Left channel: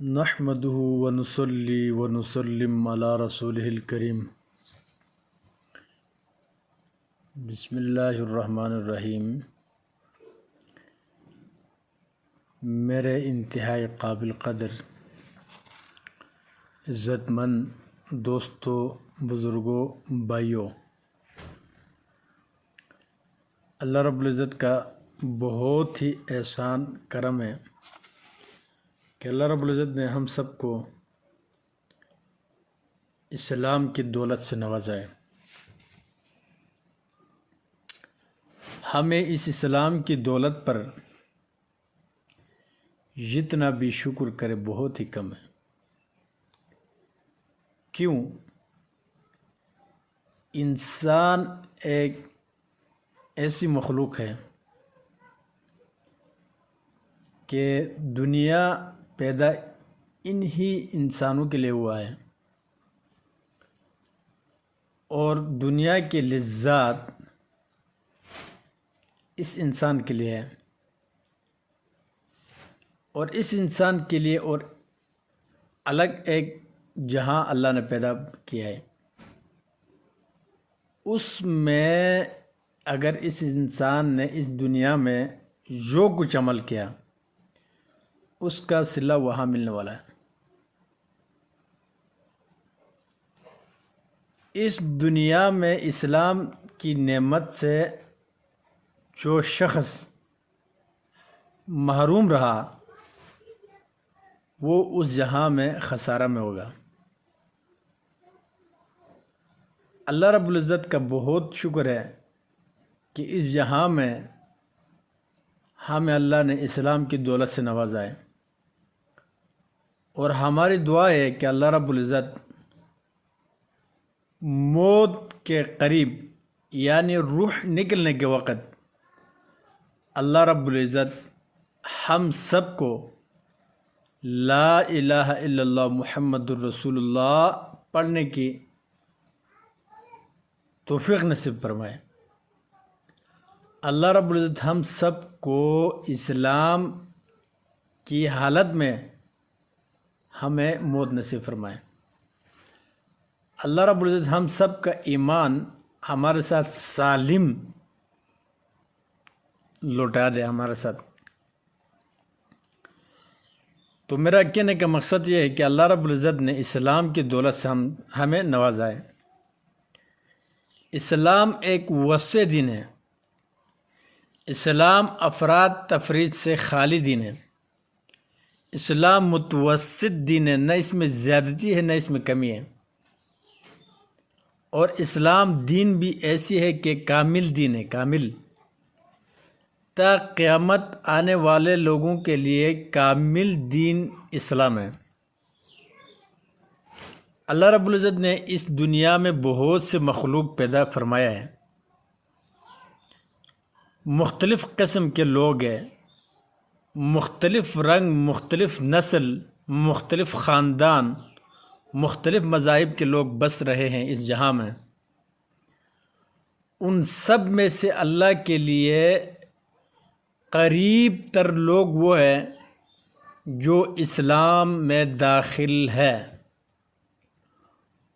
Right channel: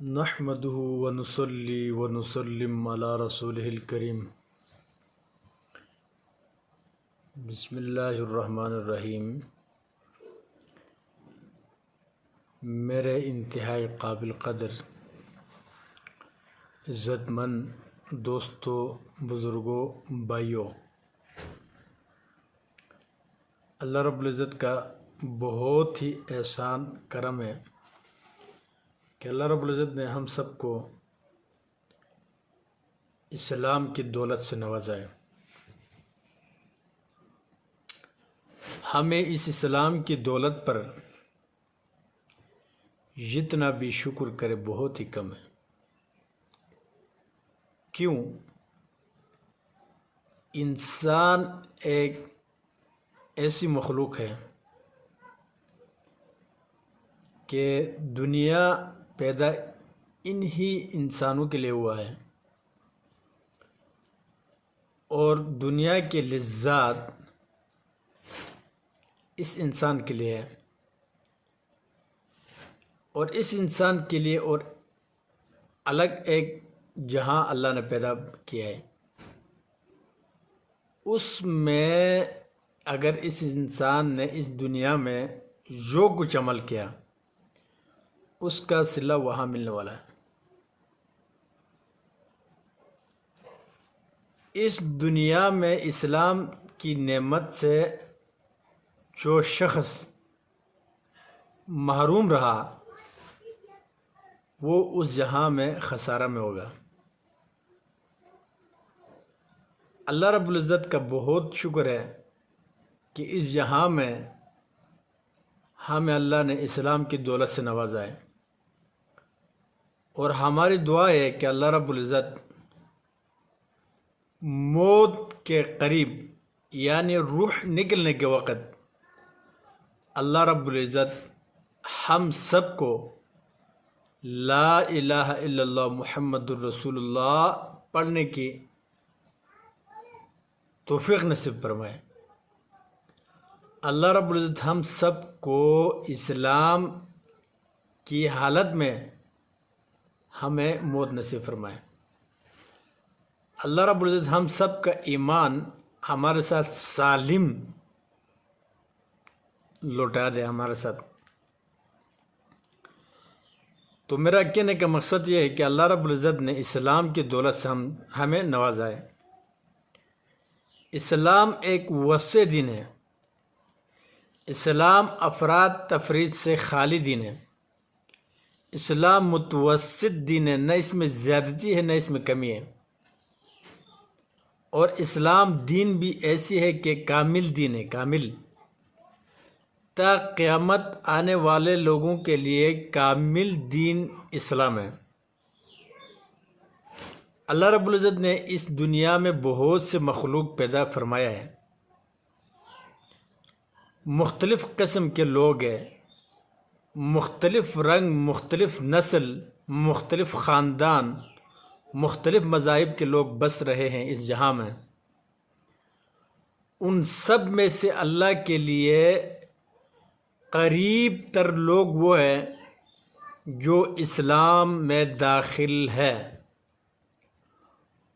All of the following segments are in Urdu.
نحمده ونصلي ونسلم على رسوله الكريم بسم اللہ الرحمن الرحیم۔ میرے انتہائی قابل قدر عزت مند دوستوں، بزرگوں، بھائیوں، اللہ رب العزت کا بہت ہی احسان کرم ہے کہ اللہ رب العزت نے ہم سب کو اسلام کی دولت سے نوازا ہے۔ ہمیں اس اسلام کی دولت پر جتنا بھی شکر کرے بہت ہی کم ہے۔ کیوں؟ انسان ایک ایسی مخلوق ہے کہ دنیا پیدا انہی انسانوں کے لیے ہوا ہے، اور دنیا کے لذات اس انسان کے لیے ہے، اور اس انسان کے لیے اور الگ ایک جہاں اللہ نے پیدا کیا ہے۔ اس میں اگر اس انسان نے اس دنیا میں جو کچھ عمل کیا اس کا صلہ وہاں ملنے والا ہے۔ اس دنیا میں اسلام کی نعمت سے جو شخص محروم رہا وہ اس جہاں میں خسارہ میں ہوگا۔ اللہ رب العزت کا بہت شکر ہے کہ اس جہاں میں ہمیں اللہ نے اسلام کی دولت سے نوازا ہے، اور ہماری دعا ہے کہ اللہ رب العزت موت کے قریب یعنی روح نکلنے کے وقت اللہ رب العزت ہم سب کو لا الہ الا اللہ محمد الرسول اللہ پڑھنے کی توفیق نصیب فرمائے۔ اللہ رب العزت ہم سب کو اسلام کی حالت میں ہمیں موت نصیب فرمائے۔ اللہ رب العزت ہم سب کا ایمان ہمارے ساتھ سالم لوٹا دے ہمارے ساتھ۔ تو میرا کہنے کا مقصد یہ ہے کہ اللہ رب العزت نے اسلام کی دولت سے ہمیں نوازا ہے۔ اسلام ایک وسیع دین ہے۔ اسلام افراد تفرید سے خالی دین ہے۔ اسلام متوسط دین ہے، نہ اس میں زیادتی ہے نہ اس میں کمی ہے، اور اسلام دین بھی ایسی ہے کہ کامل دین ہے، کامل، تا قیامت آنے والے لوگوں کے لیے کامل دین اسلام ہے۔ اللہ رب العزت نے اس دنیا میں بہت سے مخلوق پیدا فرمایا ہے، مختلف قسم کے لوگ ہیں، مختلف رنگ، مختلف نسل، مختلف خاندان، مختلف مذاہب کے لوگ بس رہے ہیں اس جہاں میں۔ ان سب میں سے اللہ کے لیے قریب تر لوگ وہ ہیں جو اسلام میں داخل ہے،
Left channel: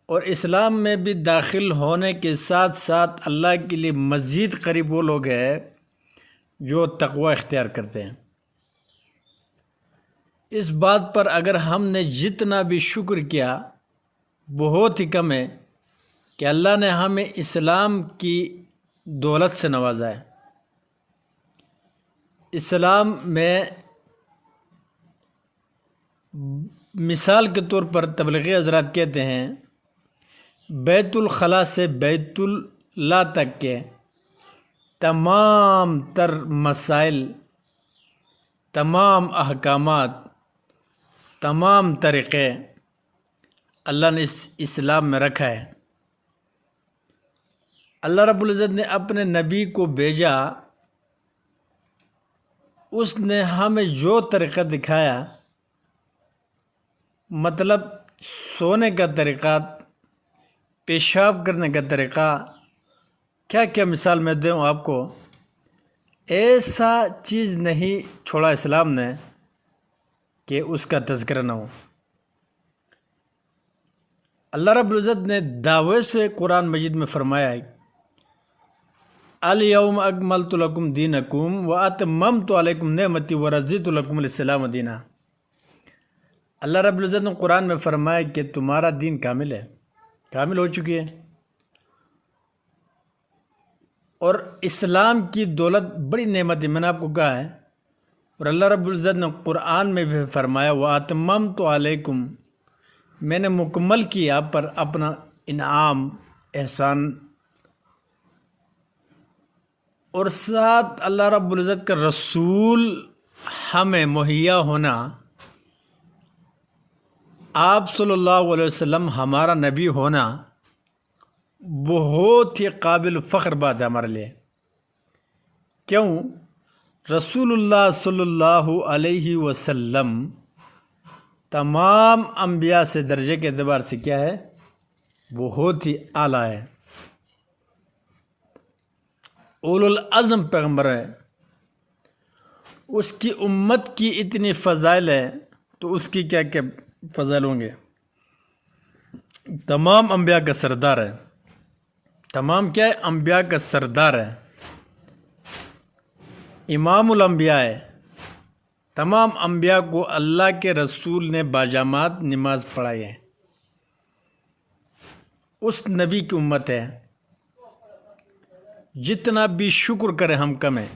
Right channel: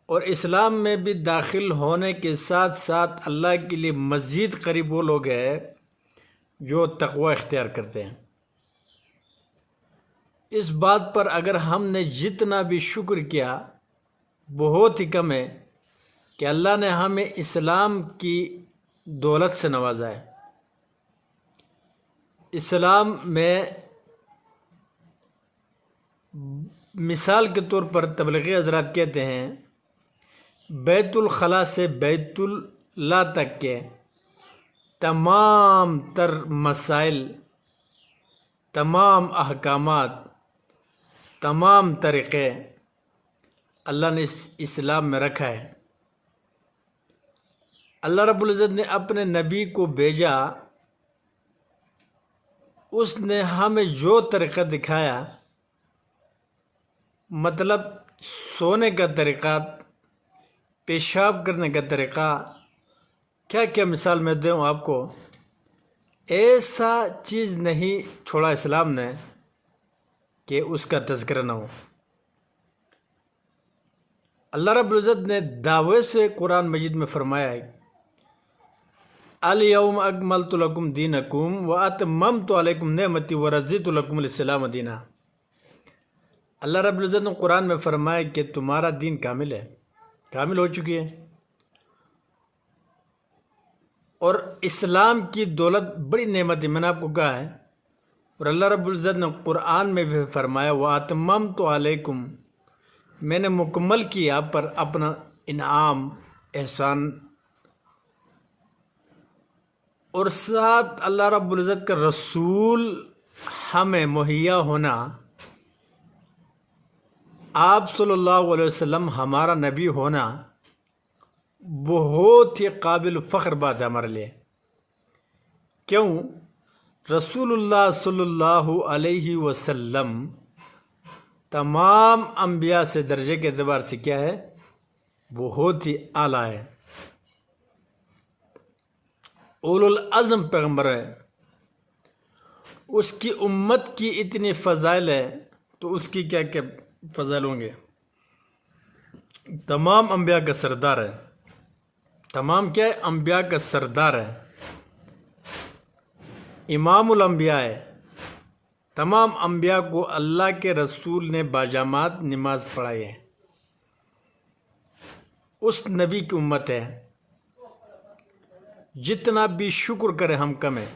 اور اسلام میں بھی داخل ہونے کے ساتھ ساتھ اللہ کے لیے مزید قریب وہ لوگ ہیں جو تقوی اختیار کرتے ہیں۔ اس بات پر اگر ہم نے جتنا بھی شکر کیا بہت ہی کم ہے کہ اللہ نے ہمیں اسلام کی دولت سے نوازا ہے۔ اسلام میں مثال کے طور پر تبلیغی حضرات کہتے ہیں بیت الخلاء سے بیت اللہ تک کے تمام تر مسائل، تمام احکامات، تمام طریقے اللہ نے اس اسلام میں رکھا ہے۔ اللہ رب العزت نے اپنے نبی کو بھیجا، اس نے ہمیں جو طریقہ دکھایا، مطلب سونے کا طریقہ، پیشاب کرنے کا طریقہ، کیا کیا مثال میں دوں آپ کو، ایسا چیز نہیں چھوڑا اسلام نے کہ اس کا تذکرہ نہ ہو۔ اللہ رب العزت نے دعوے سے قرآن مجید میں فرمایا ہے الیوم اکملت لکم دینکم واتممت علیکم نعمتی ورضیت لکم الاسلام دینا۔ اللہ رب العزت نے قرآن میں فرمایا کہ تمہارا دین کامل ہے، کامل ہو چکی ہے، اور اسلام کی دولت بڑی نعمت ہے، میں نے آپ کو کہا ہے۔ اور اللہ رب العزت نے قرآن میں بھی فرمایا واتممت علیکم، میں نے مکمل کیا آپ پر اپنا انعام، احسان، اور ساتھ اللہ رب العزت کا رسول ہمیں مہیا ہونا، آپ صلی اللہ علیہ وسلم ہمارا نبی ہونا بہت ہی قابل فخر بات ہے ہمارے لیے۔ کیوں؟ رسول اللہ صلی اللہ علیہ وسلم تمام انبیاء سے درجے کے اعتبار سے کیا ہے؟ بہت ہی اعلیٰ ہے، اولو العزم پیغمبر ہے۔ اس کی امت کی اتنی فضائل ہے تو اس کی کیا کیا فضائل ہوں گے؟ تمام انبیاء کا سردار ہے، تمام کیا ہے؟ انبیاء کا سردار ہے، امام الانبیاء ہے۔ تمام انبیاء کو اللہ کے رسول نے باجامات نماز پڑھائی ہے، اس نبی کی امت ہے۔ جتنا بھی شکر کرے ہم کم ہے۔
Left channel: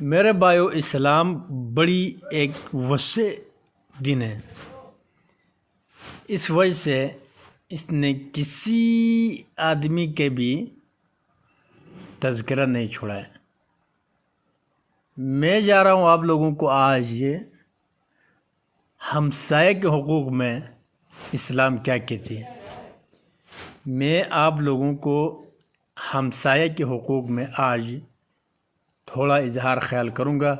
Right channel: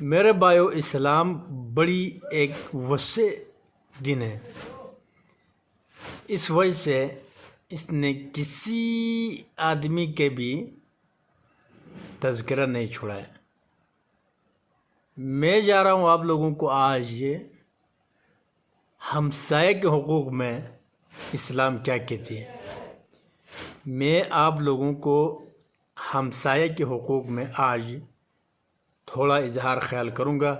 میرے بھائیو، اسلام بڑی ایک وسیع دین ہے، اس وجہ سے اس نے کسی آدمی کے بھی تذکرہ نہیں چھوڑا ہے۔ میں جا رہا ہوں آپ لوگوں کو آج یہ ہمسائے کے حقوق میں اسلام کیا کہتی ہے، میں آپ لوگوں کو ہمسائے کے حقوق میں آج تھوڑا اظہار خیال کروں گا۔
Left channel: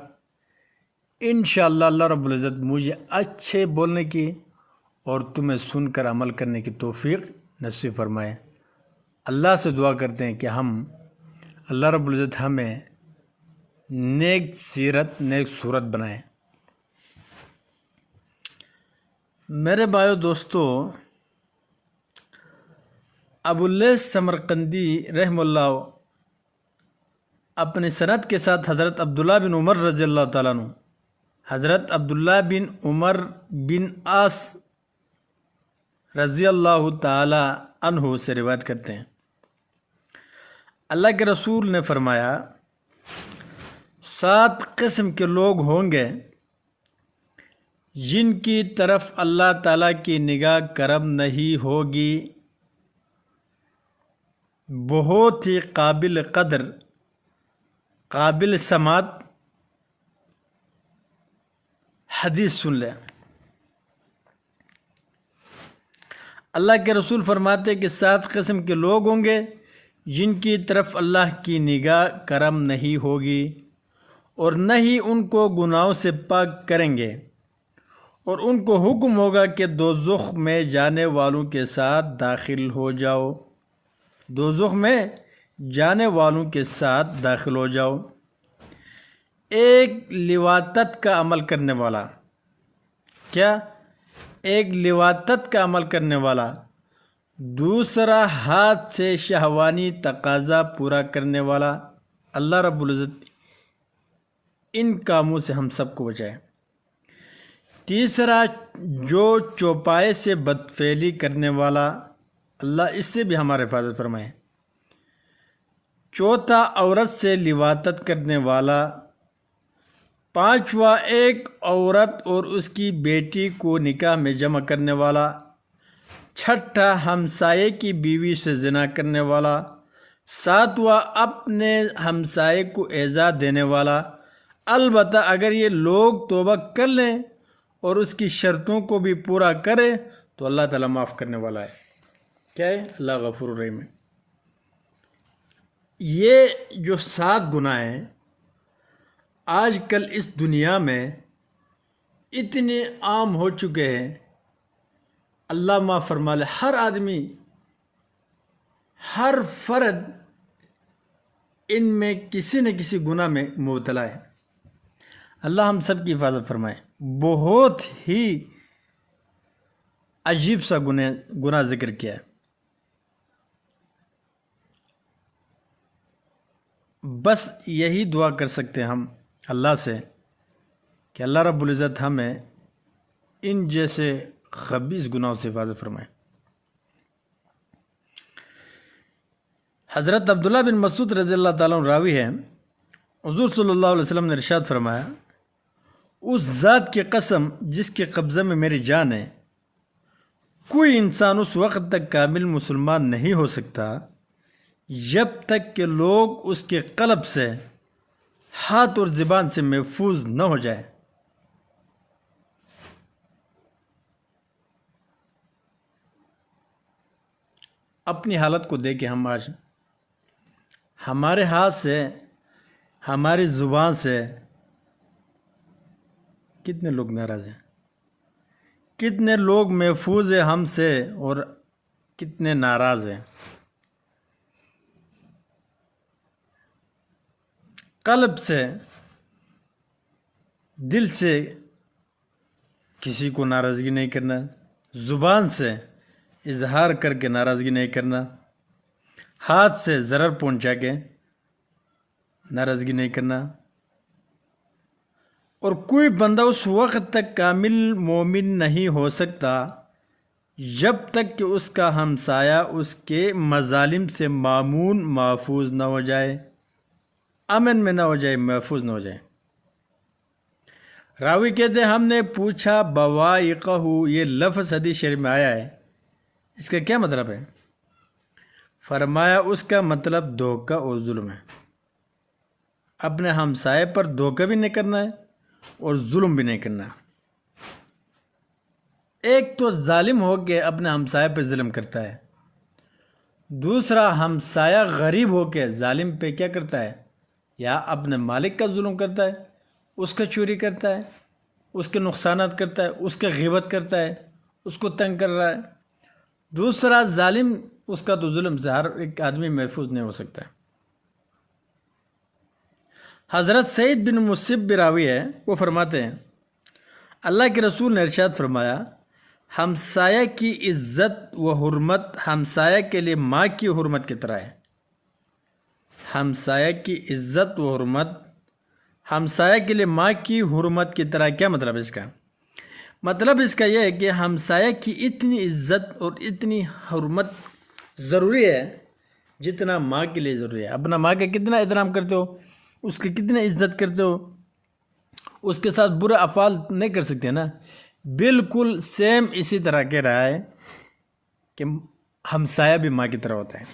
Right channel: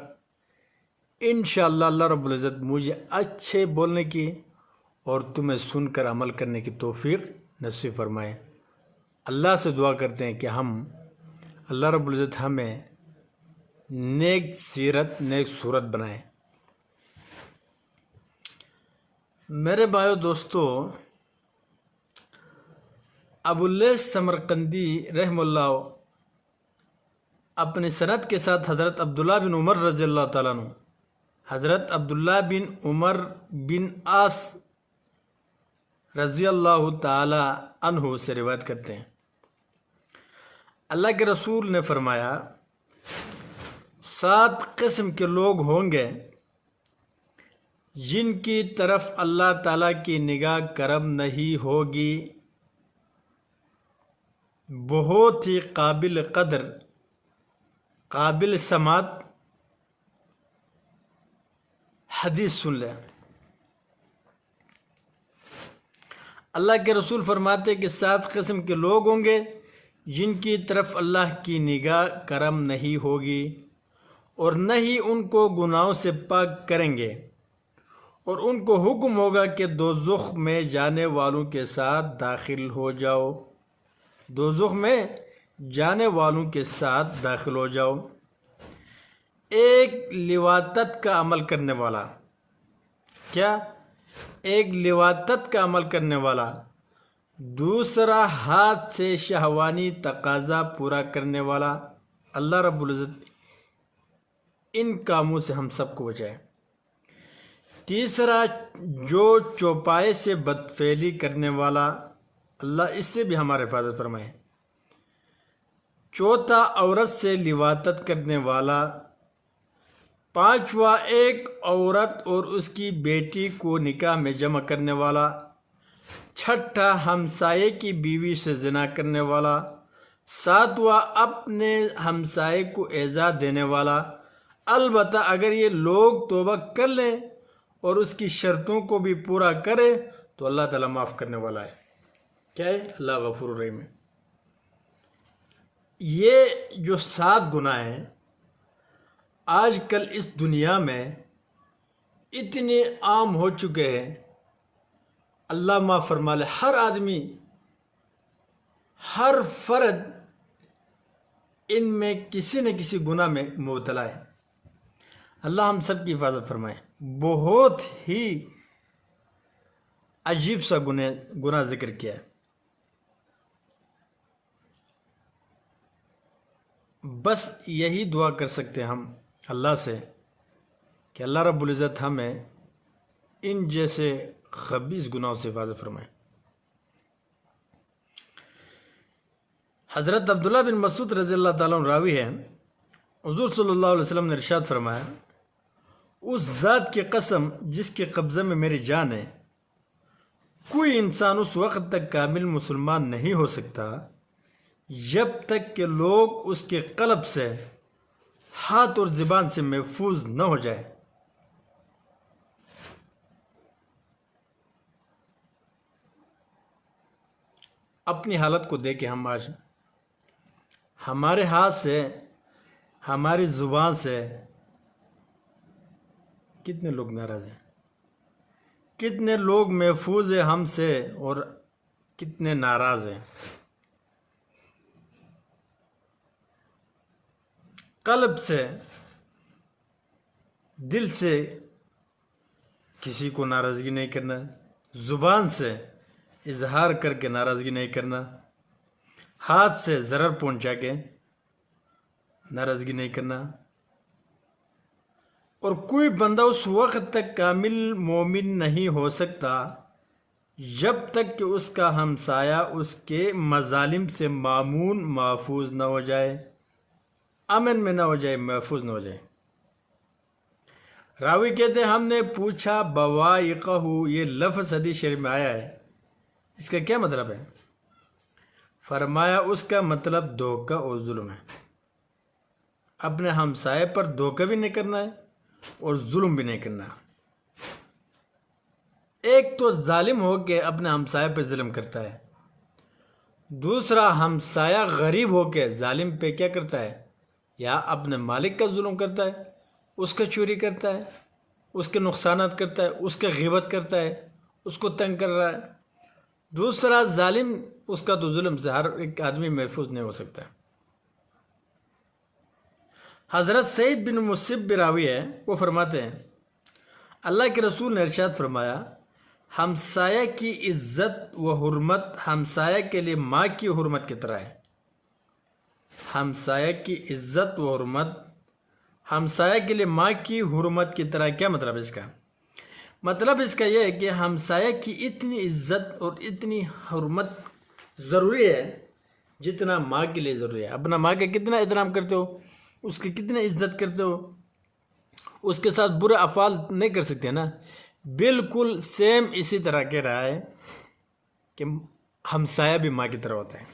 انشاءاللہ اللہ رب العزت مجھے اچھے بولنے کی اور تمہیں سن کر عمل کرنے کی توفیق نصیب فرمائے۔ اللہ سے دعا کرتے ہیں کہ اللہ رب العزت ہمیں نیک سیرت، نیک صورت بنائے۔ میرے بھائیو دوستو، ابواللیث سمرقندی رحمہ اللہ اپنی سند کے ساتھ حضرت عبداللہ بن عمر رضی اللہ تعالیٰ عنہ، حضرت عبداللہ بن عمر بن عاص رضی اللہ تعالیٰ عنہ سے روایت کرتے ہیں، اللہ کے رسول نے فرمایا 7 قسم کے لوگ ہوں گے جن کی طرف اللہ تعالیٰ کی نگاہ کرم نہیں ہوگی، بہت ہی قابل قدر، قابل سماعت حدیث سن لیں۔ اللہ کے رسول فرماتے کہ 7 قسم کے لوگ ہوں گے جن کی طرف اللہ کی نگاہ کرم نہیں ہوگی اور نہ ہی ان کو گناہوں سے پاک کریں گے، اور ان کو حکم ہوگا کہ دوزخ میں جانے والوں کے ساتھ داخل ہو جاؤ، دوزخ میں جانے والوں کے ساتھ داخل ہو جاؤ۔ ایک لواطت کا عمل کرنے والا، کیا؟ ایک لواطت کا عمل کرنے والا، دوسرا ہاتھ سے شہوانی تقاضا پورا کرنے والا۔ اللہ رب العزت ان کاموں سے ہم سب کو بچائے۔ تیسرا جو چوپائے سے بدفعلی کرنے والا، اللہ اس سے بھی ہمارے حفاظت فرمائے۔ چوتھا عورت سے لواطت کرنے والا۔ پانچواں ایک عورت اور اس کی بیٹی کو نکاح میں جمع کرنے والا۔ چھٹا ہمسائے کی بیوی سے زنا کرنے والا۔ ساتواں اپنے ہمسائے کو ایذا دینے والا، البتہ اگر یہ لوگ توبہ کر لیں اور اس کی شرطوں کو بھی پورا کرے تو اللہ تعالیٰ معاف کرنے والا ہے۔ کیا ہے؟ اللہ غفور الرحیم ہے۔ یہ جو 7 گناہ ہیں آج کل اس دنیا میں اتنے عام ہو چکے ہیں، اللہ معاف فرما لے۔ ہر آدمی، ہر فرد ان میں کسی نہ کسی گناہ میں مبتلا ہے۔ اللہ ہم سب کی حفاظت فرمائے۔ بہت ہی عجیب سا گناہ ذکر کیا ہے۔ بس یہی دعا کر سکتے ہیں ہم اللہ سے کہ اللہ رب العزت ہمیں ان جیسے خبیث گناہوں سے حفاظت فرمائے۔ حضرت عبداللہ بن مسعود رضی اللہ تعالیٰ عنہ راوی ہے، حضور صلی اللہ علیہ وسلم نے ارشاد فرمایا، اس ذات کی قسم جس کے قبضے میں میری جان ہے، کوئی انسان اس وقت تک کامل مسلمان نہیں ہو سکتا جب تک کہ لوگ اس کے قلب سے، ہاتھ اور زبان سے محفوظ نہ ہو جائے۔ اپنی حالت کو دیکھیں، ہم آج ہمارے ہاتھ سے، ہماری زبان سے کتنے لوگ ناراض ہیں، کتنے لوگ محفوظ ہیں ہم سے اور کتنے ناراض ہیں۔ قلب سے، دل سے کسی کو ناراضگی نہیں کرنا، زبان سے اظہار کر کے ناراضگی نہیں کرنا، ہاتھ سے ضرر پہنچا کے ناراضگی نہیں کرنا۔ اور کوئی بندہ اس وقت تک کامل مومن نہیں ہو سکتا جب تک کہ اس کا ہمسایہ اس کے مظالم سے مامون، محفوظ نہ ہو جائے، امن میں نہ ہو جائے، محفوظ نہ ہو جائے۔ راوی کہتے ہیں، ہم نے پوچھا بوائقہ، یہ لفظ حدیث شریف میں آیا ہے، اس کا کیا مطلب ہے؟ فرمایا اس کا مطلب دھوکہ اور ظلم ہے۔ اپنے ہمسائے پر دھوکہ بھی نہیں کرنا ہے اور ظلم بھی نہیں کرنا ہے۔ ایک تو ظالم ہو کے اپنے ہمسائے پہ ظلم کرتا ہے، دوسرا ہمسایہ غریب ہو کے ظالم پہ کیا کرتا ہے؟ یا اپنے مالک کا ظلم کرتا ہے، اس کا چوری کرتا ہے، اس کے نقصانات کرتا ہے، اس کا غیبت کرتا ہے، اس کو تنگ کر رہا ہے۔ دوسرا ظالم، اس کا تو ظلم سے ہر ایک آدمی محفوظ نہیں ہو سکتا ہے۔ حضرت سعید بن مسیب براوی ہے، وہ فرماتے ہیں، اللہ کے رسول نے ارشاد فرمایا، ہمسایہ کی عزت و حرمت ہمسایہ کے لیے ماں کی حرمت کی طرح ہے۔ ہمسایہ کی عزت و حرمت ہمسایہ کے لیے ماں کی حرمت کی طرح۔ کیا مطلب ہے اس کا؟ مطلب اس کا یہ ہے کہ ہمسایہ کی اتنی عزت اور اتنی حرمت ضروری ہے جتنا ماں کے لیے ضروری ہے۔ اپنا ماں کا کتنا احترام کرتے ہو، اس کی کتنی عزت کرتے ہو، اس کے ساتھ برے افعال نہیں کر سکتے نا، بالکل سیم اسی طرح کہہ رہا ہے کہ ہمسایہ بھی ماں کی طرح ہوتا ہے۔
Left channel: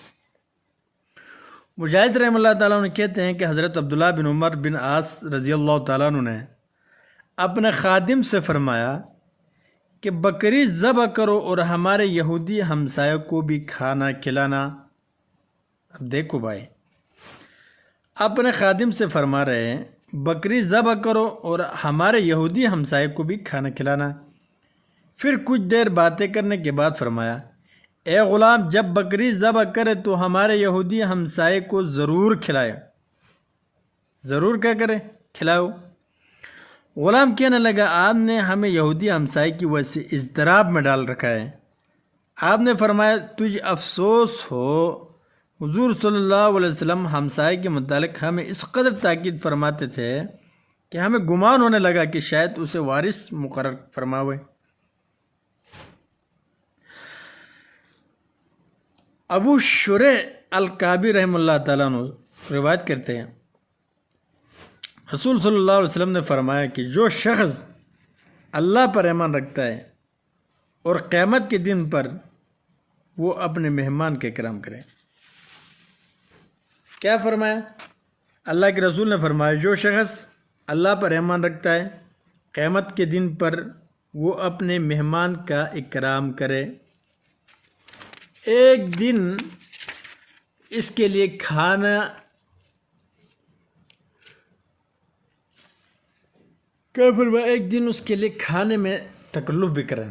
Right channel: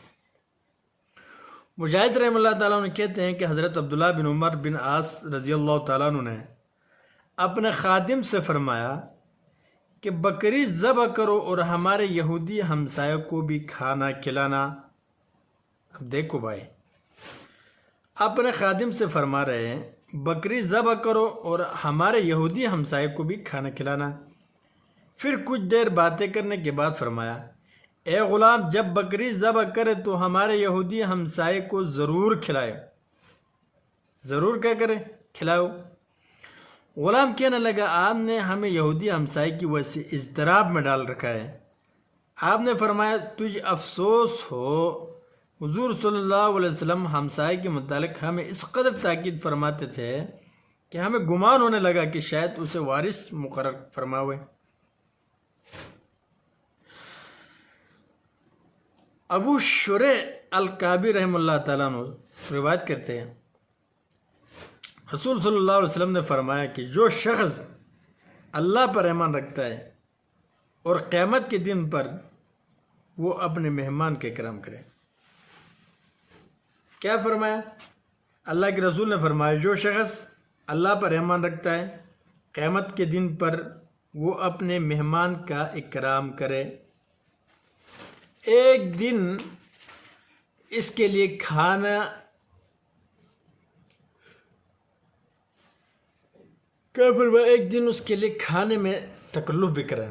مجاہد رحمہ اللہ تعالیٰ عنہ کہتے ہیں کہ حضرت عبداللہ بن عمر بن عاص رضی اللہ تعالیٰ عنہ نے اپنے خادم سے فرمایا کہ بکری ذبح کرو اور ہمارے یہودی ہمسایوں کو بھی کھانا کھلانا۔ اب دیکھو بھائی، اپنے خادم سے فرما رہے ہیں بکری ذبح کرو اور ہمارے یہودی ہمسائے کو بھی کھانا کھلانا۔ پھر کچھ دیر باتیں کرنے کے بعد فرمایا، اے غلام، جب بکری ذبح کرے تو ہمارے یہودی ہمسائے کو ضرور کھلائے، ضرور کیا کرے؟ کھلاؤ۔ غلام کہنے لگا، آپ نے ہمیں یہودی ہمسائے کی وجہ سے اضطراب میں ڈال رکھا ہے۔ آپ نے فرمایا، تجھے افسوس ہو، حضور صلی اللہ علیہ وسلم ہمسائے کے متعلق ہمیں اس قدر تاکید فرماتے تھے کہ ہمیں گمان ہونے لگا کہ شاید اسے وارث مقرر فرماوے۔ ابو شریح الکعبی رحمہ اللہ تعالیٰ عنہ روایت کرتے ہیں، رسول صلی اللہ علیہ وسلم نے فرمایا کہ جو شخص اللہ پر ایمان رکھتا ہے اور قیامت کے دن پر، وہ اپنے مہمان کا اکرام کرے۔ کیا فرمایا؟ اللہ کے رسول نے فرمایا، جو شخص اللہ پر ایمان رکھتا ہے، قیامت کے دن پر وہ اپنے مہمان کا اکرام کرے۔ ایک دن اس کے لیے کھانا کیا فرمایا؟ ایک دن اس کے لیے کھانے میں تکلف بھی کریں۔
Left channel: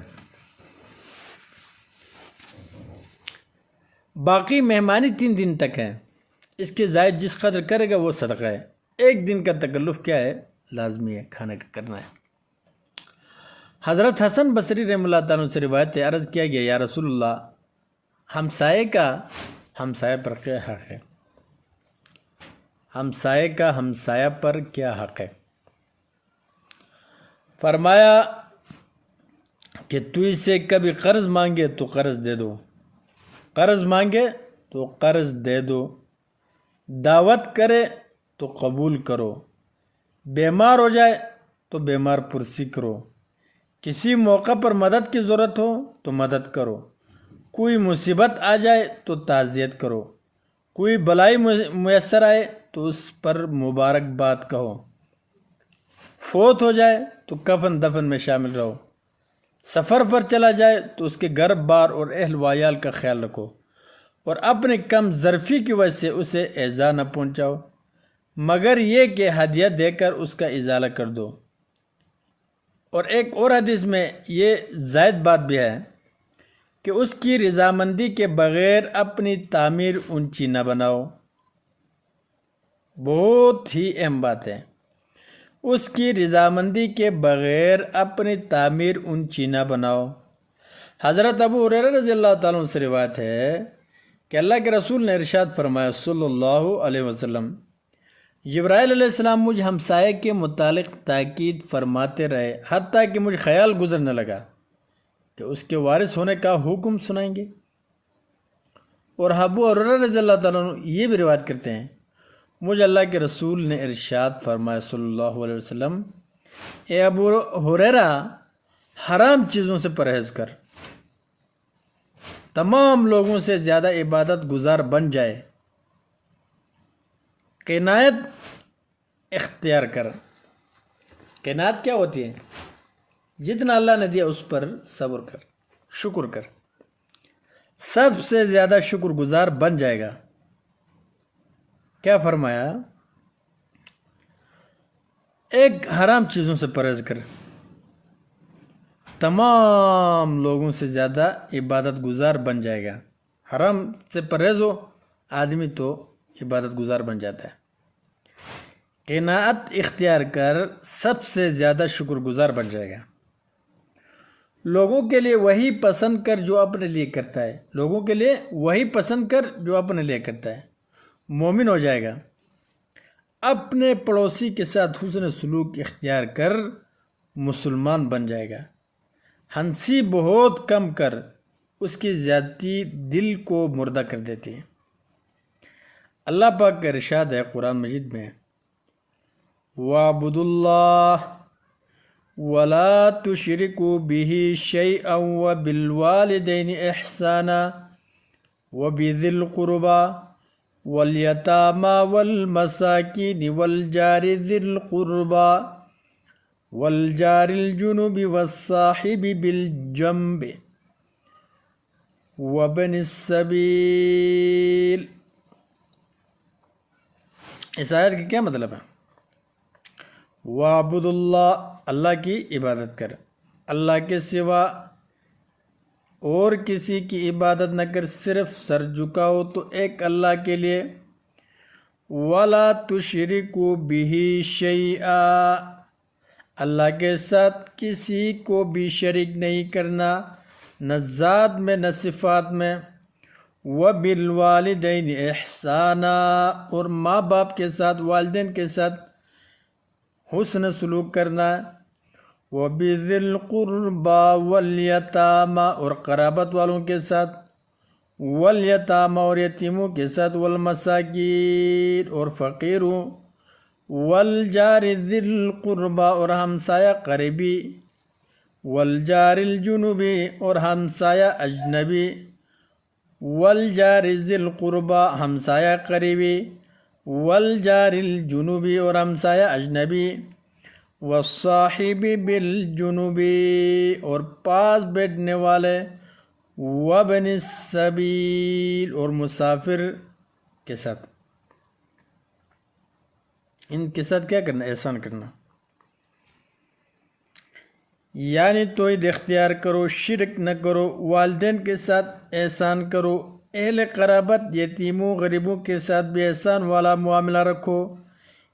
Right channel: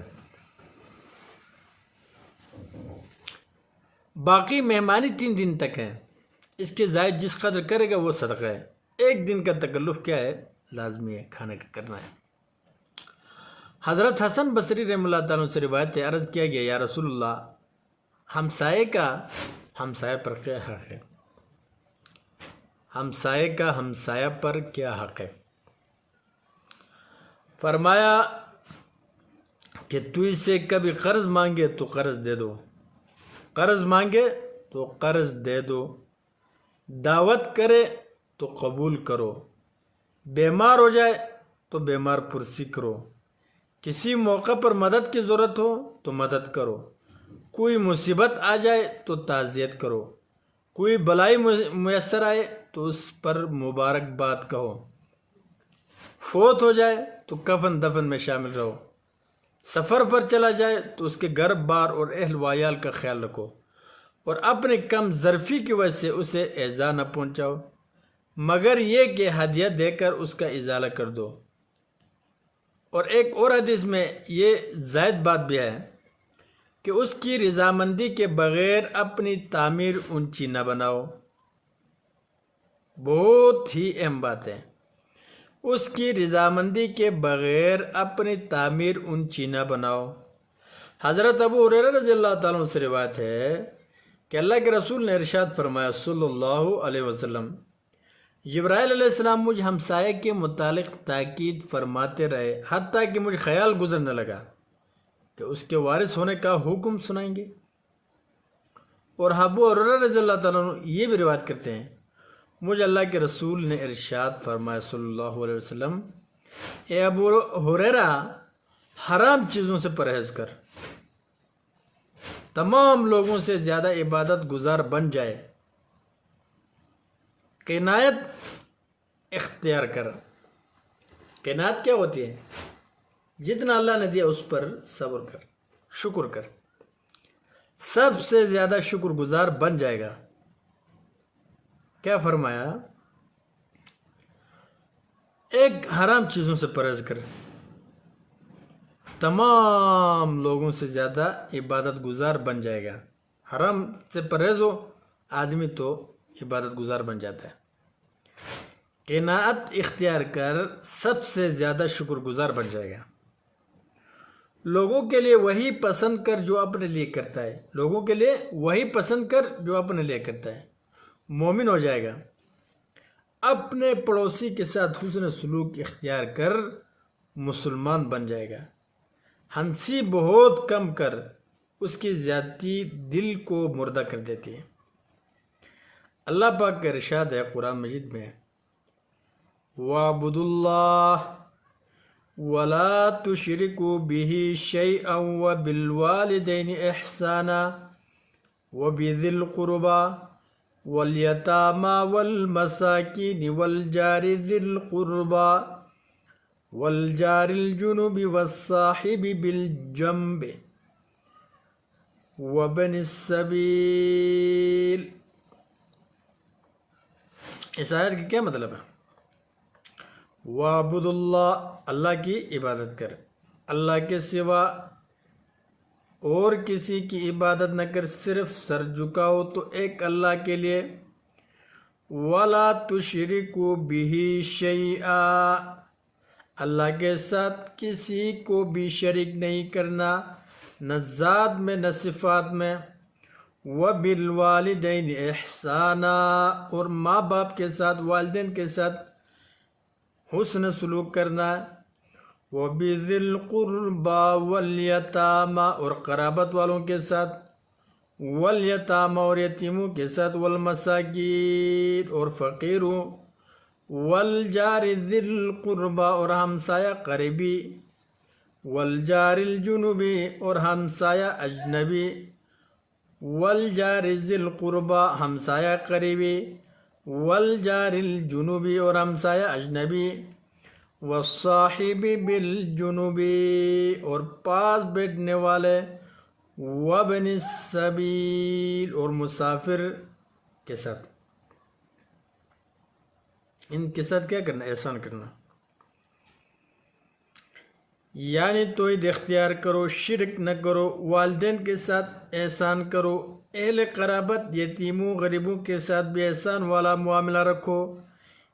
باقی مہمانی 3 دن تک ہے، اس کے زائد جس قدر کرے گا وہ صدقہ ہے۔ ایک دن کا تکلف کیا ہے؟ لازمی ہے، کھانا کرنا ہے۔ حضرت حسن بصری رحمہ اللہ تعالیٰ سے روایت ہے، عرض کیا گیا یا رسول اللہ، ہمسائے کا ہمسایہ پر کیا حق ہے؟ ہمسائے کا ہمسایہ پر کیا حق ہے؟ فرمایا کہ تو اس سے کبھی قرض مانگے تو قرض دے دو، قرض مانگے تو قرض دے دو، دعوت کرے تو قبول کرو، بیمار ہو جائے تو بیمار پرسی کرو، کسی موقع پر مدد کی ضرورت ہو تو مدد کرو، کوئی مصیبت آ جائے تو تعزیت کرو، کوئی بلائی میسر آئے تو اس پر مبارکباد کہو، فوت ہو جائے تو کفن دفن میں شامل رہو، سفر پر چلا جائے تو اس کے گھر بار اور اہل وعیال کا خیال رکھو، اور اپنے کم ظرفی کی وجہ سے اسے ایذا نہ پہنچاؤ، مگر یہ کہ ہدیہ دے کر اس کا ازالہ کر دو۔ اور ایک اور حدیث میں یہ زائد بات بھی ہے کہ اس کی رضامندی کے بغیر اپنی تعمیر اونچی نہ بناؤ۔ بہت ہی اہم بات ہے، اس کی رضامندی کے بغیر اپنی تعمیر اونچی نہ بناؤ۔ حضرت ابو ہریرہ رضی اللہ تعالیٰ عنہ سے روایت ہے کہ اللہ کے رسول نے ارشاد فرمایا صلی اللہ علیہ وسلم، جبرائیل علیہ السلام مجھ ہمسائے کے متعلق تاکید فرماتے رہے حتیٰ کہ مجھ خیال گزرنے لگا کہ اس کے وارث ہونے کا حکم سنائیں گے۔ اور ابو ہریرہ رضی اللہ تعالیٰ عنہ یہ بھی روایت کرتے ہیں، مجھ اللہ کے رسول نے ارشاد فرمایا صلی اللہ علیہ وسلم، اے ابو ہریرہ حرام چیزوں سے پرہیز کر، تمام لوگوں سے زیادہ عبادت گزار بن جائے، قناعت اختیار کر۔ قناعت کیا ہوتی ہے؟ جتنا اللہ نے دیا اس پر صبر کر، شکر کر، سب سے زیادہ شکر گزار بن جائے گا۔ کیا فرمایا؟ ایک حرام چیزوں سے پرہیز کر، تمام لوگوں سے زیادہ عبادت گزار بن جائے گا۔ حرام سے پرہیز ہو آدمی تو عبادت گزار بن جاتا ہے۔ قناعت اختیار کر، سب سے زیادہ شکر گزار بن جائے گا۔ لوگوں کے لیے وہی پسند کر جو اپنے لیے کرتا ہے، لوگوں کے لیے وہی پسند کر جو اپنے لیے کرتا ہے، مومن ہو جائے گا۔ اپنے پڑوسی کے ساتھ حسن سلوک اختیار کر، مسلمان بن جائے گا۔ ہنسی بہت کم کر، اس کی زیادتی دل کو مردہ کر دیتی ہے۔ اللہ پاک کا ارشاد ہے قرآن مجید میں، وَاعْبُدُوا اللَّهَ وَلَا تُشْرِكُوا بِهِ شَيْئًا وَبِالْوَالِدَيْنِ إِحْسَانًا وَبِذِي الْقُرْبَى وَالْيَتَامَى وَالْمَسَاكِينِ وَالْجَارِ ذِي الْقُرْبَى وَالْجَارِ الْجُنُبِ وَالصَّاحِبِ بِالْجَنبِ وَابْنِ السَّبِيلِ۔ اس آیت کا کیا مطلب ہے؟ وَاعْبُدُوا اللَّهَ، اللہ کی عبادت کر، اللہ کے سوا اور کسی کی عبادت نہ کر، صرف سر جھکاؤ تو ایک اللہ کے لیے۔ وَلَا تُشْرِكُوا بِهِ شَيْئًا، اللہ کے ساتھ کسی کو بھی شریک نہیں کرنا، نہ ذات میں نہ صفات میں۔ وَبِالْوَالِدَيْنِ إِحْسَانًا، اور ماں باپ کے ساتھ، والدین کے ساتھ حسن سلوک کرنا۔ وَبِذِي الْقُرْبَى وَالْيَتَامَى، اور قرابت والوں کے ساتھ، وَالْيَتَامَى، اور یتیموں کے ساتھ، وَالْمَسَاكِينِ، اور فقیروں، وَالْجَارِ ذِي الْقُرْبَى، اور ہمسایہ قریبی، وَالْجَارِ الْجُنُبِ، اور ہمسایہ اجنبی، وَالْجَارِ ذِي الْقُرْبَى، ہمسایہ قریبی، وَالْجَارِ الْجُنُبِ، اور ہمسایہ اجنبی، وَالصَّاحِبِ بِالْجُنُبِ، اور پاس بیٹھنے والے، وَابْنِ السَّبِيلِ، اور مسافر کے ساتھ۔ ان کے ساتھ کیا کرنا؟ احسان کرنا، یعنی توحید اختیار کرو، شرک نہ کرو، والدین کے ساتھ احسان کرو، اہل قرابت، یتیموں، غریبوں کے ساتھ بھی احسان والا معاملہ رکھو،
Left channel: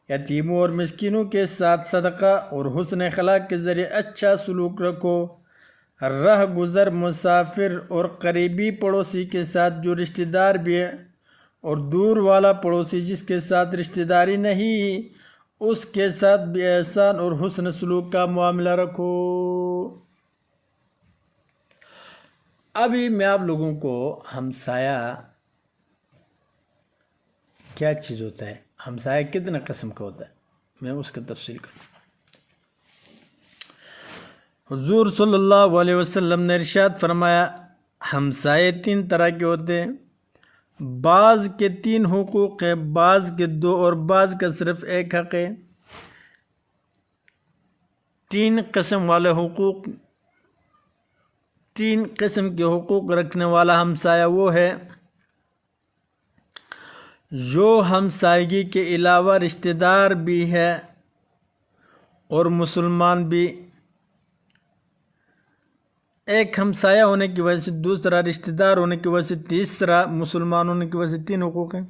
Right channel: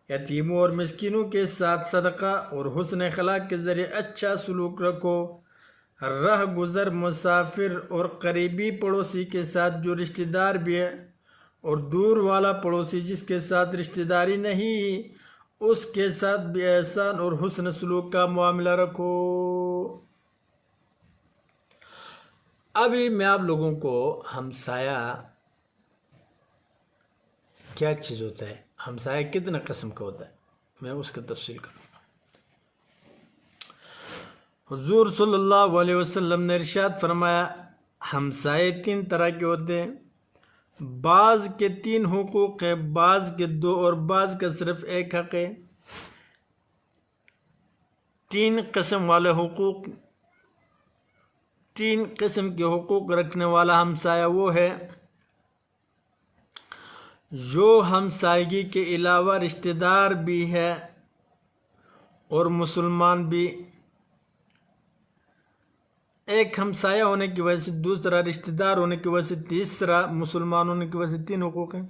یتیموں اور مسکینوں کے ساتھ صدقہ اور حسن اخلاق کے ذریعے اچھا سلوک رکھو۔ راہ گزر، مسافر اور قریبی پڑوسی کے ساتھ جو رشتہ دار بھی ہے اور دور والا پڑوسی جس کے ساتھ رشتہ داری نہیں اس کے ساتھ بھی احسان اور حسن سلوک کا معاملہ رکھو۔ ابھی میں آپ لوگوں کو ہمسایہ کیا چیز ہوتا ہے، ہمسایہ کتنا قسم کا ہوتا ہے، میں اس کا تفصیل کروں۔ حضور صلی اللہ علیہ وسلم نے ارشاد فرمایا ہمسائے 3 طرح کے ہوتے ہیں، بعض کے 3 حقوق ہیں، بعض کے 2 اور بعض کا صرف 1 حق ہے۔ 3 قسم والے حقوق، 3 قسم کے حقوق رکھنے والا ہمسایہ وہ ہے جو ہمسائیگی کے علاوہ رشتہ دار بھی ہے اور مسلمان بھی۔ ایک ہمسایہ ہونے کی وجہ سے، دوسرا رشتہ دار ہونے کی وجہ سے، تیسرا مسلمان ہونے کی وجہ سے 3 حقوق ہیں۔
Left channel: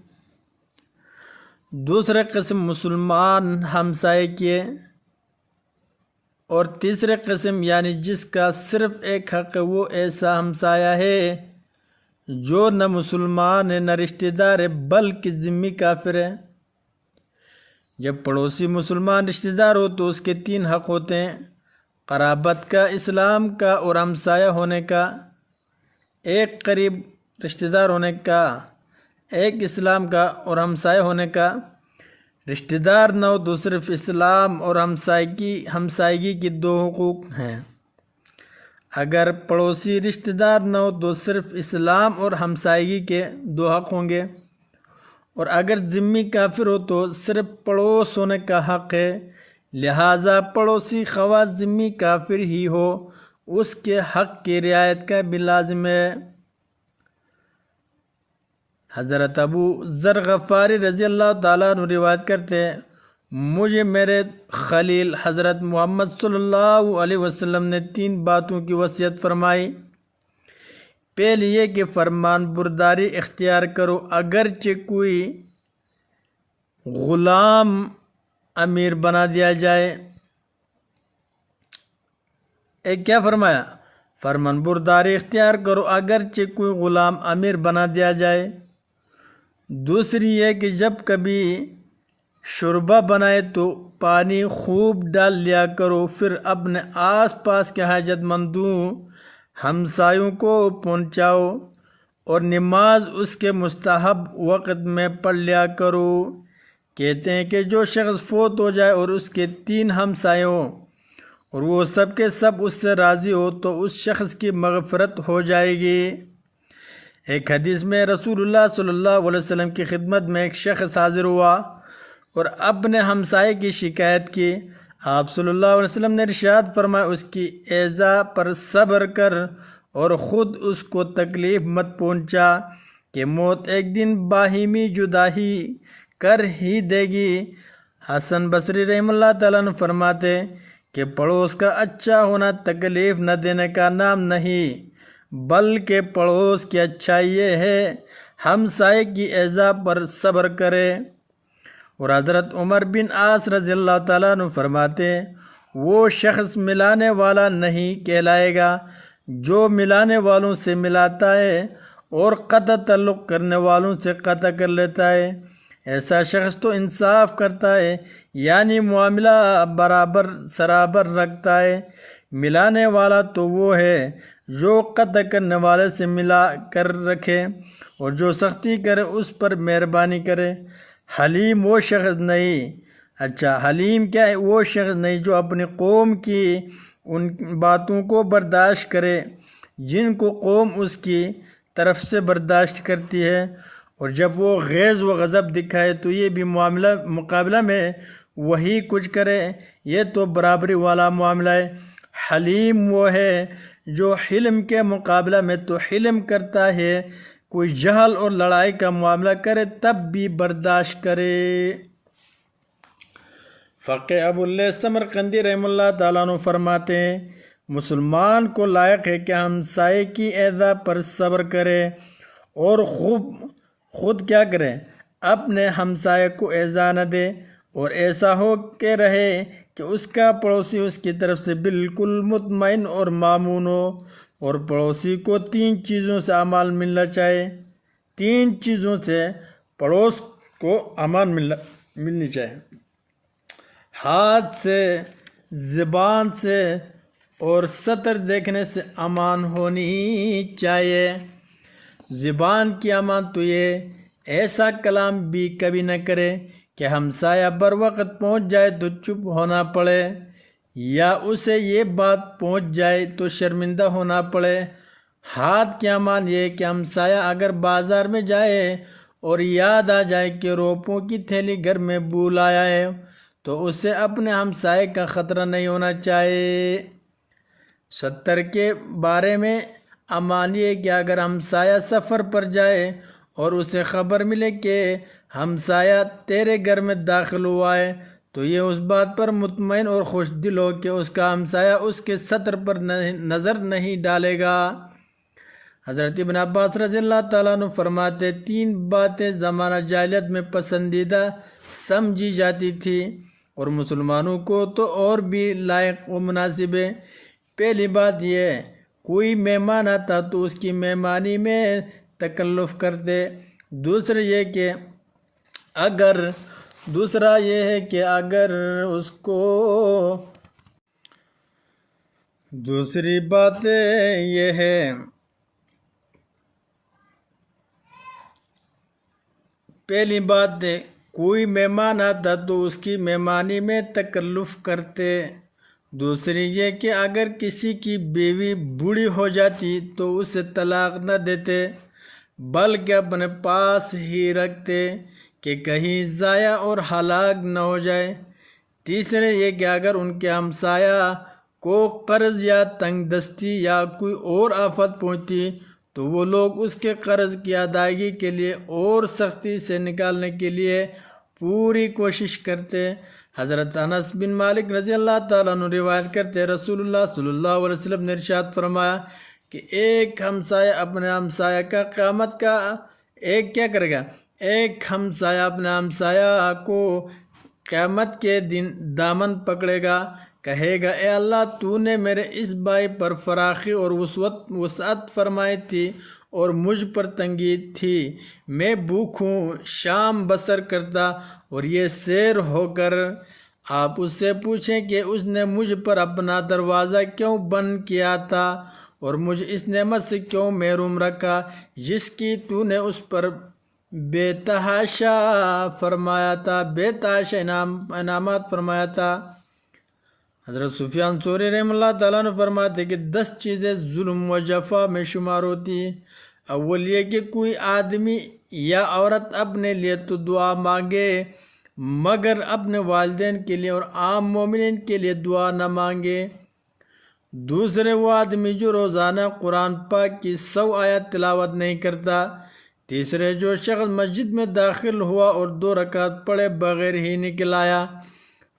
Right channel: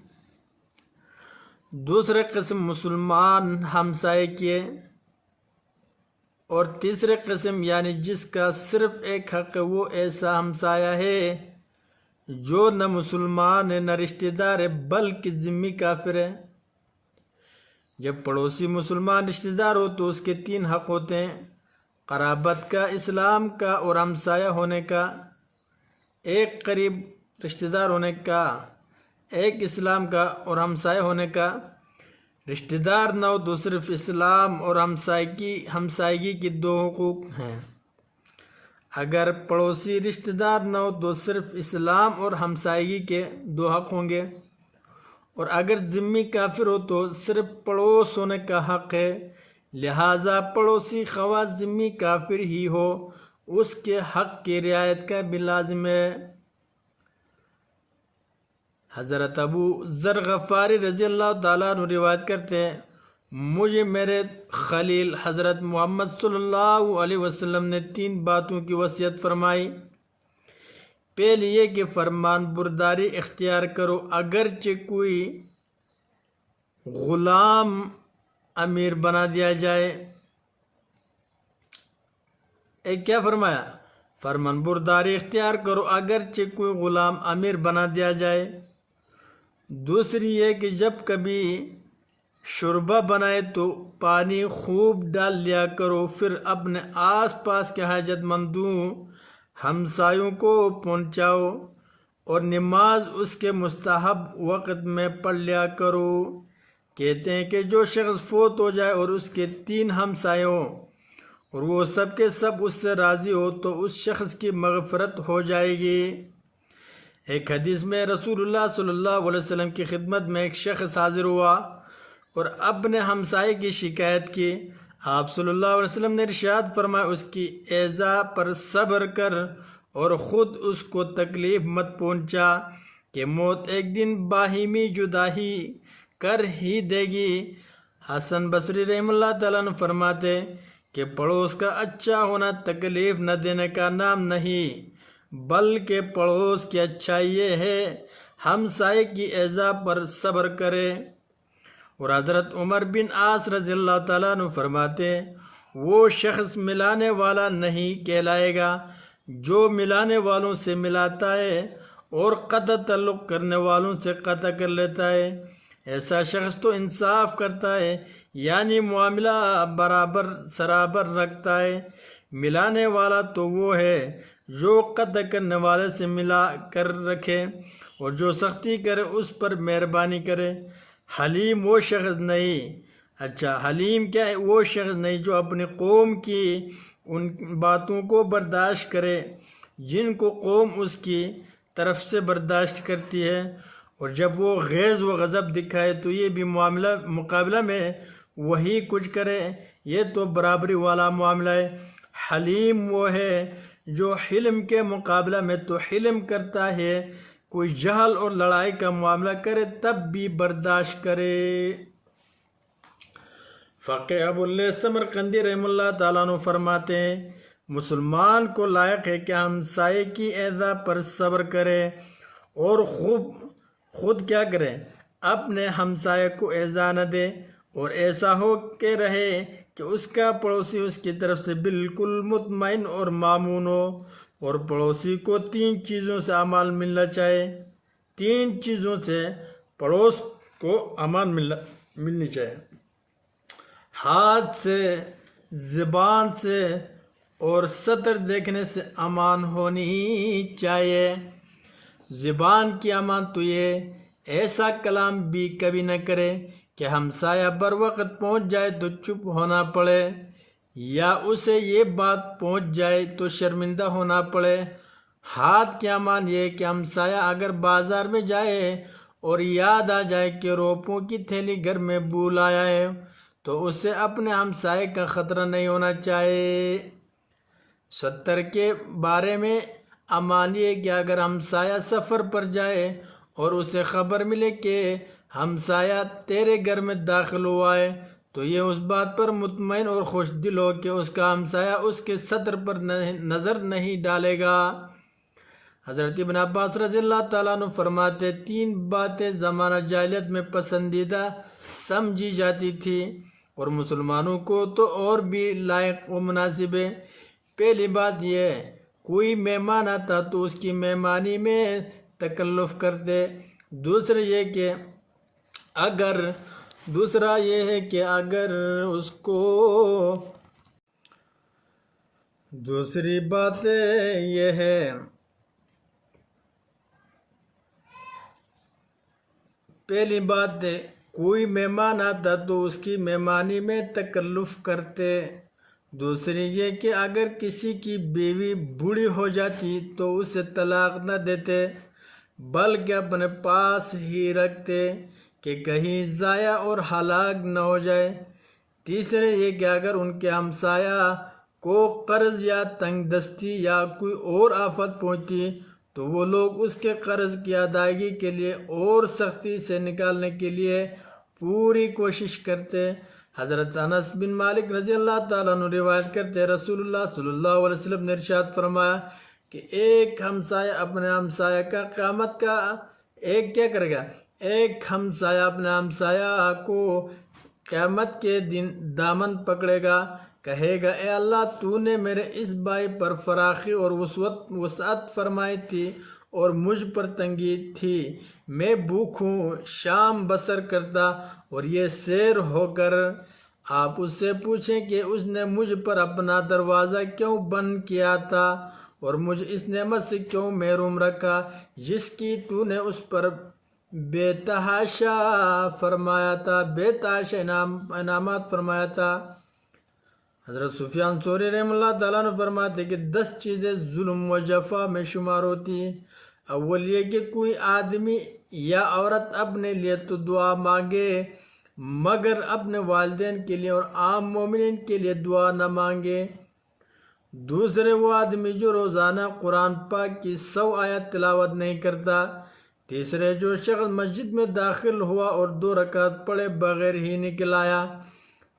دوسرے قسم مسلمان ہمسائے کی ہے اور تیسرے قسم یعنی جس کا صرف 1 حق ہے وہ ایسا ہمسایہ ہے جو نہ مسلمان ہے نہ رشتہ دار ہے بلکہ ذمہ کافر ہے۔ جب پڑوسی مسلمان رشتہ دار ہو تو اس کے 3 حق ہوتے ہیں، قرابت کا، اسلام کا اور ہمسایہ ہونے کا۔ 1 قریب رشتہ دار ہونے کا، 1 اسلام کا اور ہمسایہ ہونے کا۔ رشتہ دار نہ ہو تو صرف اسلام اور ہمسائیگی کی 2 حقوق ہیں۔ اگر پڑوسی رشتہ دار نہ ہو تو صرف اسلام اور ہمسائیگی کے 2 حق ہوں گے، اور اگر ذمہ کافر ہو تو صرف پڑوس ہونے کا حق ہے۔ لہٰذا پڑوسی خواہ ذمہ کافر ہی ہو اس کے حق کی رعایت کا بھی لازم ہے۔ حضرت ابو ذر غفاری رضی اللہ تعالیٰ عنہ روایت کرتے ہیں مجھے میرے خلیل حضرت محمد صلی اللہ علیہ وسلم نے 3 باتوں کی وصیت فرمائی۔ پہلی یہ کہ فرمان برداری اختیار کرو، اگرچہ کوئی غلام امیر بنا دیا جائے۔ ایک کیا فرمایا؟ فرمان برداری اختیار کرو اگرچہ کوئی غلام امیر بنا دیا جائے۔ دوسری یہ کہ جب کبھی شوربہ بنائے تو پانی خوب ڈال لیا کرو، پھر اپنے آس پاس کے حاجت مندوں ہمسایوں کو پہنچاؤ، اور نماز اس کے مستحب وقت میں پڑھ لیا کرو۔ کہتے ہیں کہ جو شخص فوت ہو جائے اور اس کے 3 ہمسائے ہوں اور وہ سب کے سب اس سے راضی ہو تو اس شخص کی مغفرت ہو جائے گی۔ ایک حدیث میں رسول اللہ صلی اللہ علیہ وسلم کی خدمت میں ایک شخص حاضر ہوا اور اپنے ہمسائے کی شکایت کی۔ آپ صلی اللہ علیہ وسلم نے ارشاد فرمایا اس کی ایذا پر صبر کر اور خود اس کو تکلیف مت پہنچا کہ موت ایک دن باہمی جدائی کر ہی دے گی۔ حسن بصری رحمہ اللہ تعالیٰ نے فرماتے کہ پڑوس کا اچھا ہونا تکلیف نہ دینے کا نام نہیں بلکہ پڑوس کی اچھائی یہ ہے ہمسائے کی ایذا پر صبر کرے۔ اور حضرت عمر بن عاص رضی اللہ تعالیٰ عنہ فرماتے وہ شخص ملانے والا نہیں کہلائے گا جو ملانے والوں سے ملاتا ہے اور قطع تعلق کرنے والوں سے قطع کر لیتا ہے۔ ایسا شخص تو انصاف کرتا ہے یعنی معاملہ برابر سرابر رکھتا ہے۔ ملانے والا تو وہ ہے جو قطع کرنے والے سے ملا کر رکھے اور جو سختی کرے اس پر مہربانی کرے۔ حلیم وہ شخص نہیں، حلیم کیا ہے؟ وہ شخص نہیں جو اپنی قوم کی ان باتوں کو برداشت کرے جن کو قوم اس کی طرف سے برداشت کرتی ہے، اور جب وہ غیظ و غضب دکھائے تو یہ بھی مقابلہ میں وہی کچھ کرے، یہ تو برابری والا معاملہ ہے۔ حلیم وہ ہے جو حلم کے مقابلہ میں تو حلم کرتا ہے، کوئی جہل اور لڑائی کا معاملہ کرے تب بھی برداشت کرے۔ فقہ ابو اللیث سمرقندی رحمہ اللہ تعالیٰ عنہ فرماتے ہیں مسلمان کو لائق ہے کہ ہمسائے کی ایذا پر صبر کرے اور خود کیا کرے؟ اپنے ہمسائے کو ایذا نہ دے اور ایسا ہو کے رہے کہ اس کا پڑوسی اس کی طرف سے بالکل مطمئن اور مامون ہو، اور پڑوسی کو 3 چیزوں سے امان ملنا چاہیے، 3 چیزوں سے پڑوس کو امان ملنی چاہیے، ہاتھ سے، زبان سے اور سطر دیکھنے سے امان ہونی ہی چاہیے۔ زبان کی امان تو یہ ایسا کلام بھی کبھی نہ کرے کہ ہمسایہ بر وقت پہنچ جائے تو چپ ہونا پڑے، یا اسے یہ بات پہنچ جائے تو شرمندہ ہونا پڑے۔ ہاتھ کی امان یہ کہ ہمسایہ اگر بازار میں جائے اور یاد آ جائے کہ روپوں کی تھیلی گھر میں بھول آیا ہے تو اسے اپنے ہمسائے کا خطرہ نہیں ہونا چاہیے۔ سطر کے بارے میں امان یہ کہ اگر ہمسایہ سفر پر جائے اور اسے خبر ملے کہ ہمسایہ تیرے گھر میں داخل ہوا ہے تو یہ اس بات پر مطمئن اور خوش دل ہو کہ اس کا ہمسایہ اس کے سطر پر نظر نہیں ڈالے گا۔ حضرت ابن عباس رضی اللہ تعالیٰ عنہ فرماتے 3 باتیں زمانہ جاہلیت میں پسندیدہ سمجھی جاتی تھی اور مسلمانوں کو تو اور بھی لائق و مناسب ہے۔ پہلی بات یہ، کوئی مہمان آتا تو اس کی مہمانی میں تکلف کرتے۔ دوسرا یہ ہے کہ اگر اس کو، دوسری بات یہ ہے، پہلی بات ہے کوئی مہمان آتا تو اس کی مہمانی میں تکلف کرتے۔ دوسری یہ کہ اگر کسی کی بیوی بوڑھی ہو جاتی تو اسے طلاق نہ دیتے بلکہ اپنے پاس ہی رکھتے کہ کہیں ضائع اور ہلاک نہ ہو جائے۔ تیسرے یہ کہ اگر ان کے ہمسایہ کو قرض یا تنگ دستی یا کوئی اور آفت پہنچتی تو وہ لوگ اس کے قرض کی ادائیگی کے لیے اور سختی سے نکالنے کے لیے پوری کوشش کرتے۔ حضرت انس بن مالک رضی اللہ تعالیٰ عنہ روایت کرتے رسول اللہ صلی اللہ علیہ وسلم نے ارشاد فرمایا کہ ایک ہمسایہ اپنے ہمسایہ کا قیامت کا کیا کرے گا، ایک ہمسایہ اپنے ہمسایہ کو قیامت کے دن دامن پکڑے گا، کہے گا اے اللہ تو نے میرے اس بھائی پر فراخی اور وسعت فرمائی تھی اور مجھ پر تنگی تھی، میں بھوکھوں شام بسر کرتا اور یہ سیر ہو کر آپ اس سے پوچھیں کہ اس نے مجھ پر اپنا دروازہ کیوں بند کیا تھا اور مجھ اس نعمت سے کیوں محروم رکھا جس کی تو نے اس پر بے تحاشا فرمایا تھا، بے تحاشا انعامات فرمایا تھا۔ حضرت سفیان ثوری رحمہ اللہ تعالیٰ نے فرماتے کہ 10 چیزیں ظلم و جفا میں شمار ہوتی ہیں۔ اول یہ کہ کوئی آدمی یا عورت اپنے لیے تو دعا مانگے مگر اپنے والدین کے لیے اور عام مومنین کے لیے دعا نہ مانگے۔ دوسرے وہ آدمی جو روزانہ قرآن پاک کی 100 آیات تلاوت نہیں کرتا۔ تیسرے جو شخص مسجد میں داخل ہوا اور 2 رکعت پڑھے بغیر ہی نکل آیا۔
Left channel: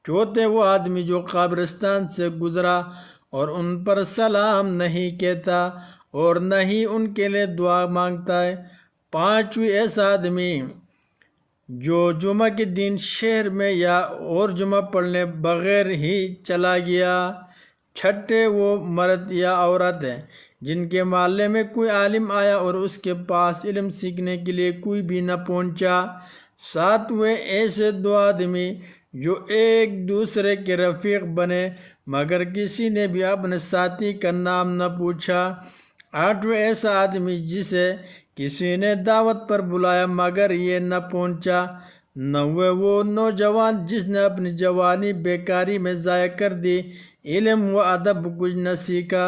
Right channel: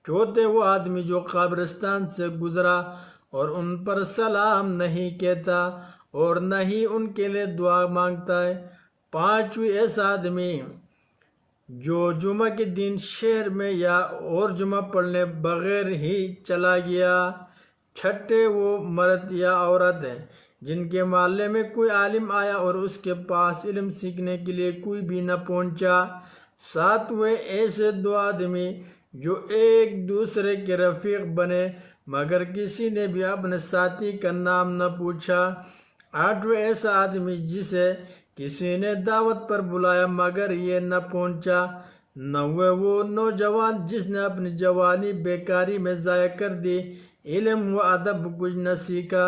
چوتھے وہ آدمی جو قبرستان سے گزرا اور ان پر سلام نہیں کہتا اور نہ ہی ان کے لیے دعا مانگتا ہے۔ پانچویں ایسا آدمی جو جمعہ کے دن شہر میں یا اور جمعہ پڑھنے بغیر ہی چلا گیا۔ چھٹے وہ مرد یا عورت ہیں جن کے محلے میں کوئی عالم آیا اور اس کے پاس علم سیکھنے کے لیے کوئی بھی نہ پہنچا۔ ساتویں ایسے 2 آدمی جو ایک دوسرے کے رفیق بنے مگر کسی نے بھی اپنے ساتھی کا نام نہ پوچھا۔ 8واں ایسا آدمی جسے کسی نے دعوت پر بلایا مگر یہ نہ پہنچا۔ 9واں وہ نوجوان جس نے اپنی جوانی بیکاری میں ضائع کر دی، علم و ادب کچھ نہ سیکھا۔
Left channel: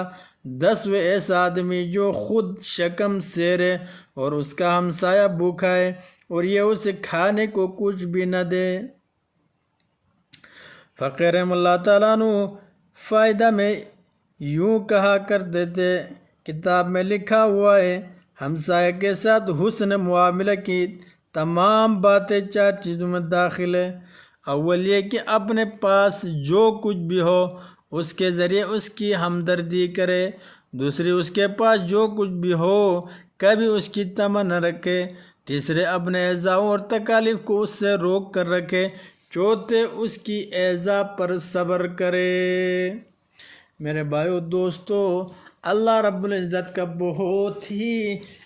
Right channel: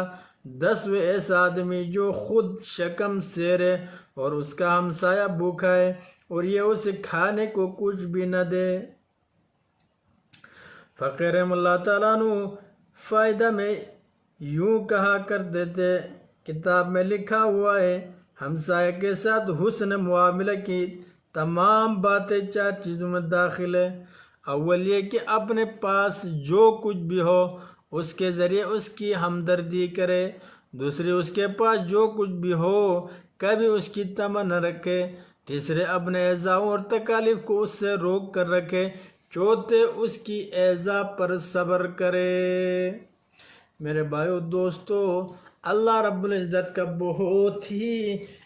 10واں ایسا آدمی جو خود شکم سیر ہے اور اس کا ہمسایہ بھوکا ہے اور یہ اسے کھانے کو کچھ بھی نہ دے۔ فقیر رحمہ اللہ تعالیٰ عنہ فائدہ میں یوں کہا کرتے تھے، کتاب میں لکھا ہوا ہے ہمسایہ کے ساتھ حسن معاملہ کی تمام باتیں 4 چیزوں میں داخل ہے۔ اول یہ کہ اپنے پاس جو کچھ بھی ہو اس کے ذریعے اس کی ہمدردی کرے۔ دوسری اس کے پاس جو کچھ بھی ہو کبھی اس کی طمع نہ رکھے۔ تیسرے اپنے اعضاء اور تکالیف کو اس سے روک کر رکھے چوتھے اس کی ایذا پر صبر کرے۔ میرے بھائیو دوستو، اللہ رب العزت کا بہت ہی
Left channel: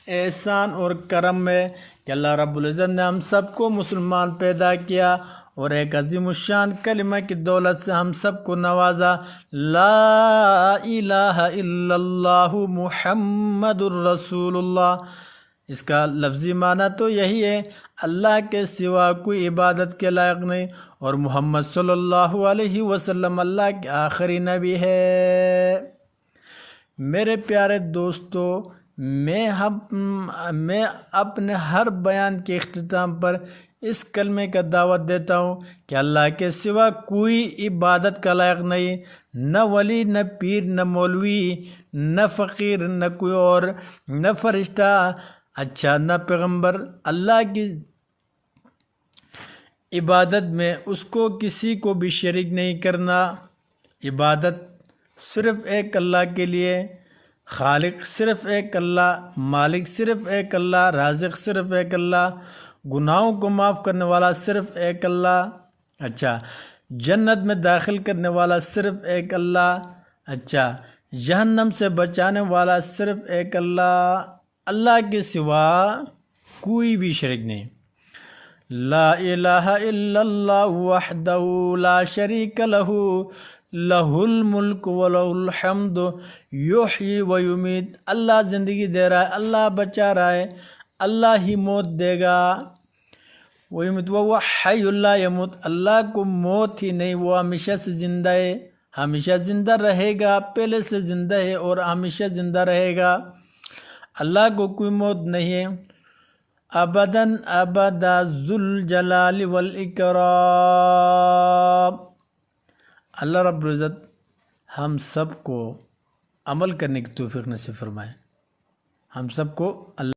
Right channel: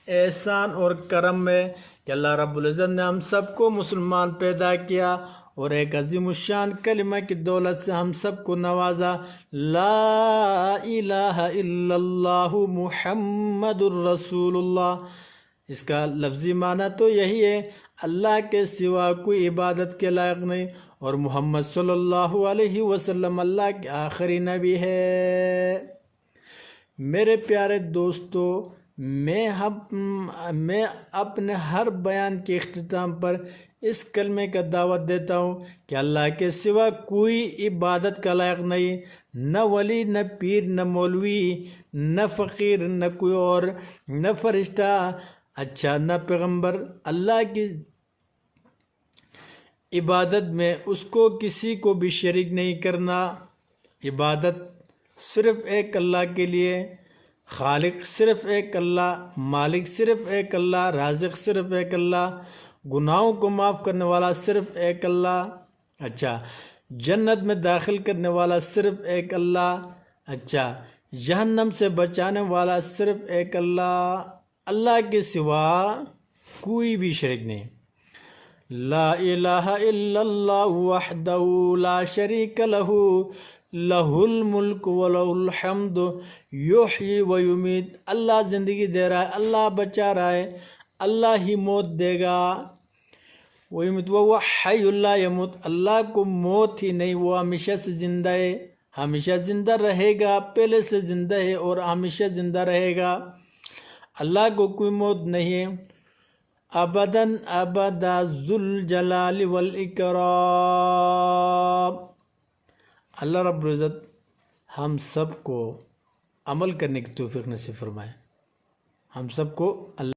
احسان اور کرم ہے کہ اللہ رب العزت نے ہم سب کو مسلمان پیدا کیا اور ایک عظیم الشان کلمہ کی دولت سے ہم سب کو نوازا۔ لا الہ الا اللہ محمد الرسول اللہ، اس کا لفظی معنی تو یہی ہے، اللہ کے سوا کوئی عبادت کے لائق نہیں اور محمد صلی اللہ علیہ وسلم اللہ کے آخری نبی ہے۔ میرے پیارے دوستو، میں اپنے ہر بیان کے اختتام پر اس کلمے کا دعوت دیتا ہوں کہ اللہ کے سوا کوئی عبادت کا لائق نہیں، نہ ولی، نہ پیر، نہ مولوی، نہ فقیر، نہ کوئی اور، نہ فرشتہ، اچھا نہ پیغمبر۔ اللہ کی عبادت میں اس کو کسی کو بھی شریک نہیں کرنا۔ عبادت صرف ایک اللہ کے لیے، خالق صرف ایک اللہ، مالک صرف ایک اللہ، رازق صرف ایک اللہ، گناہوں کو معاف کرنے والا صرف ایک اللہ، اچھا جنت میں داخل کرنے والا صرف ایک اللہ، اچھا جہنم سے بچانے والا صرف ایک اللہ، اللہ کے سوا کوئی بھی شریک نہیں۔ لا الہ الا اللہ وحدہ لا شریک لہ لہ الملک ولہ الحمد یحیی و یمیت۔ اللہ زندگی دے رہا ہے، اللہ بچا رہا ہے، اللہ ہی موت دے گا۔ ویمت وہ حی لا یموت، اللہ کو موت ہی نہیں، وہ ہمیشہ سے زندہ ہے، ہمیشہ زندہ رہے گا، پہلے سے زندہ ہے اور ہمیشہ زندہ رہے گا۔ اللہ کو کوئی موت نہیں ہے، ابداً ابدا ذوالجلال والاکرام۔ اللہ رب العزت ہم سب کو عمل کرنے کی توفیق نصیب فرمائے، ہم سب کو اللہ